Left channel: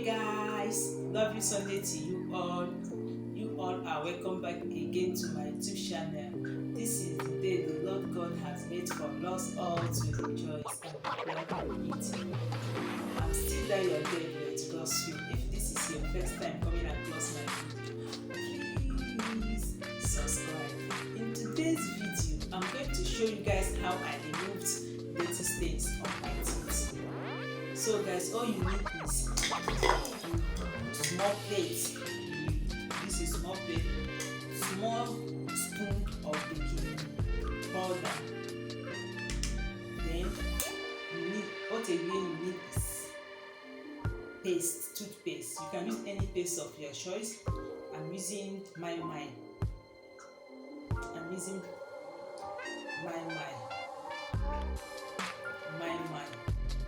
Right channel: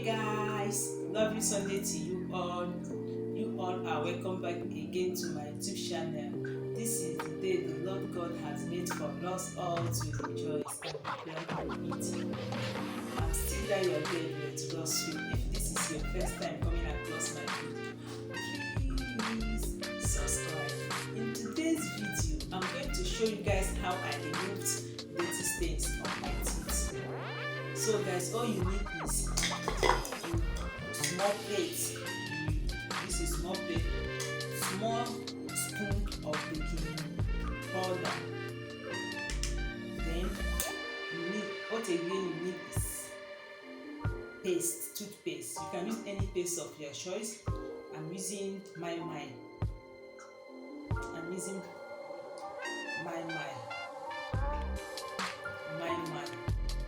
Hey guys, lovely Sunday to you all. You all are welcome back again to my YouTube channel. This is the day the Lord God has made for us all to rejoice and be glad in it. I'm still there, your David, God's will. If this is your first time coming across my video, please subscribe. In today's video, I'm going to show you guys how I removed dirty stains on my teeth. So guys, all you need is small plate. This is small plate, small spoon of baking powder. Then you need what again you need is paste, toothpaste. You can use any paste of your choice. I'm using my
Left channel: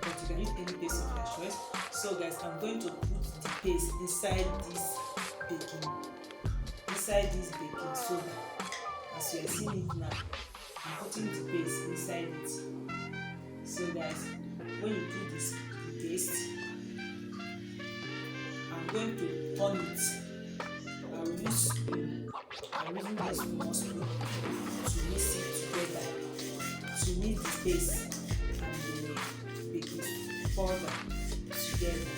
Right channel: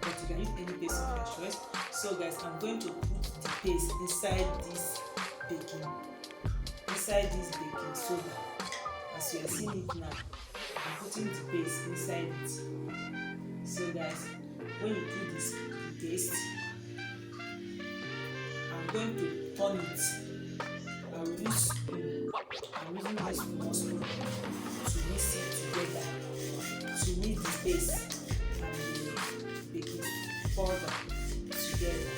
but you can use any paste of your choice. So guys, I'm going to put the paste inside this baking soda. As you are seeing it now, I'm putting the paste inside it. So guys, when you do this paste, I'm going to turn it. I will use spoon. I'm using this small spoon to mix it together, to mix the paste and the baking powder together.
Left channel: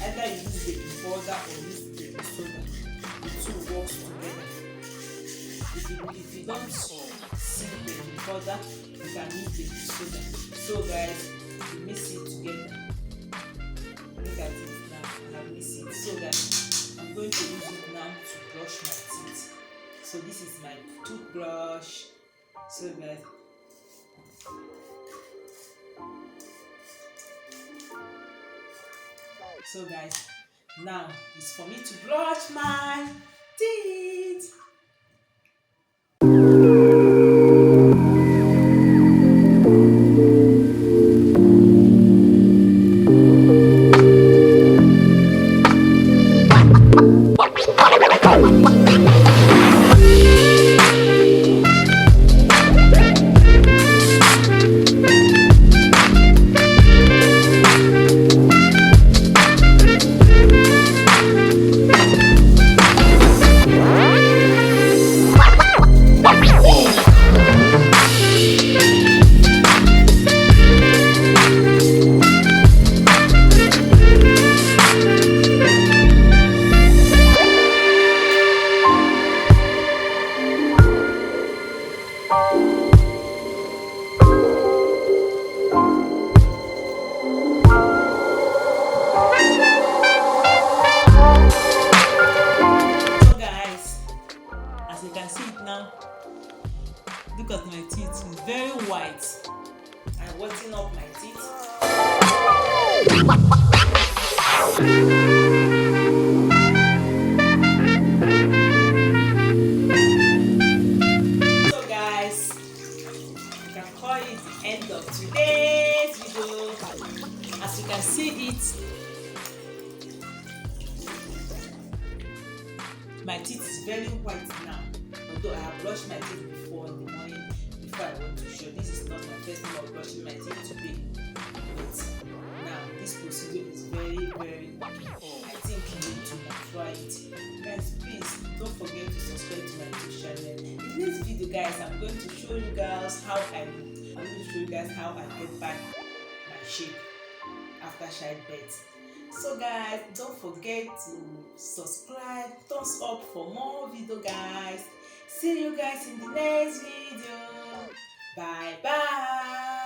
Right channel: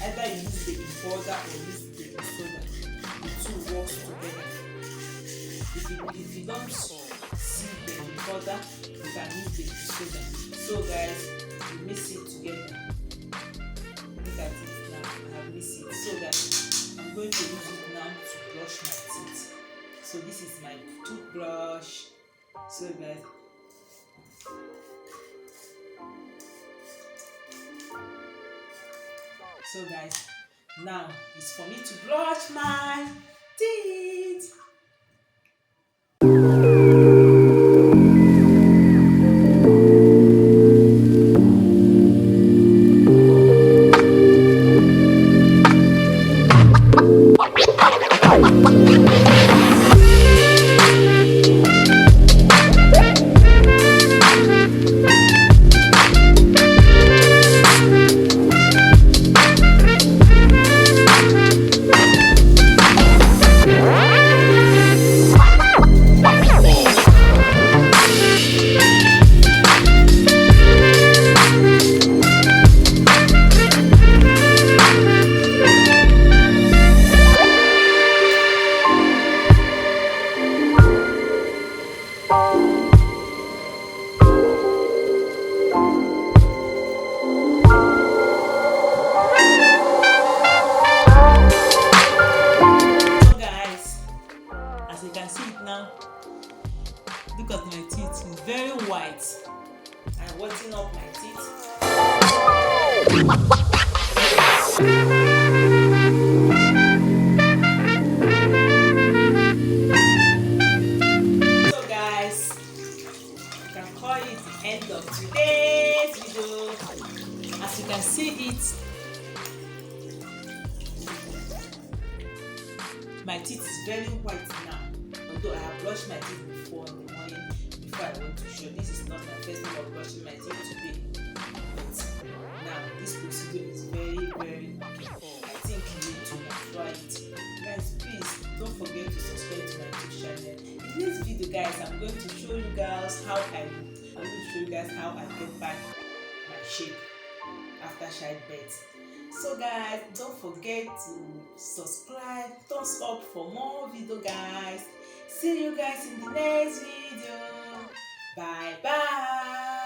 Either you use baking powder or use baking soda, the two works together. If you don't see baking powder, you can use baking soda. So guys, you mix it together. Look at it now, I have mixed it. So guys, I'm going to use it now to brush my teeth. So this is my toothbrush. So guys, now it's for me to brush my teeth. So guys, as you can see it now, look at my teeth, it's very white. I'm whitening up my teeth. So guys, you can call it the end of today's video. As you can see it, my teeth is very white now. Although I have brushed my teeth before in the morning before I went to show. This is not my first time of brushing my teeth today. But now this procedure is very okay. I think you need to try it. Guys, please don't forget to subscribe to my YouTube channel. In this video guys, I'm going to show you guys how I get back my shape after childbirth. So guys, don't forget to subscribe, thumbs up for more video guys. See you guys in the next video. Bye bye.